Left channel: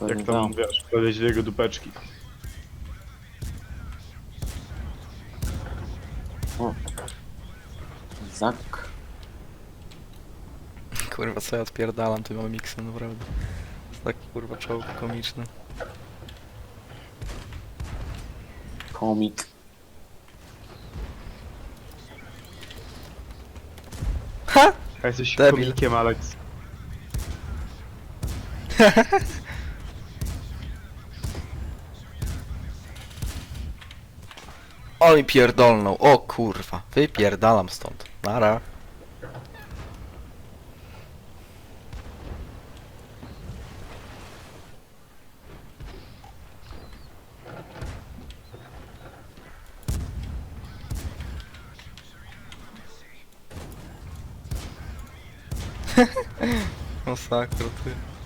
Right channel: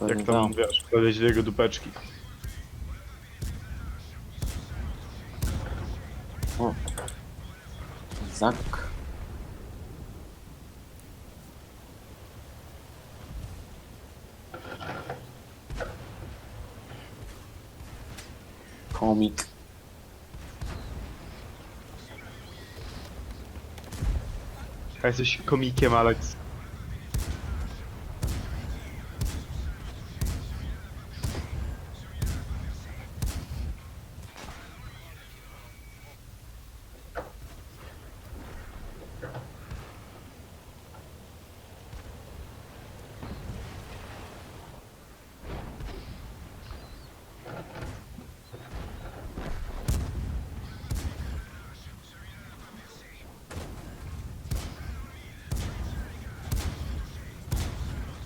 Pewnie Jak tam, tak. wiesz, podejść do jego dupeczki. O. Zak. Kurwa, co ja odpierdalam tym omiksem, naprawdę. Jest tak kurwa czołg komiczny. Komik. Ha! A jesteś Debil. komikiem, Alex. O mi pierdolnął, o kurwa. Wypierdalam stąd. Nara. Masakra, ty.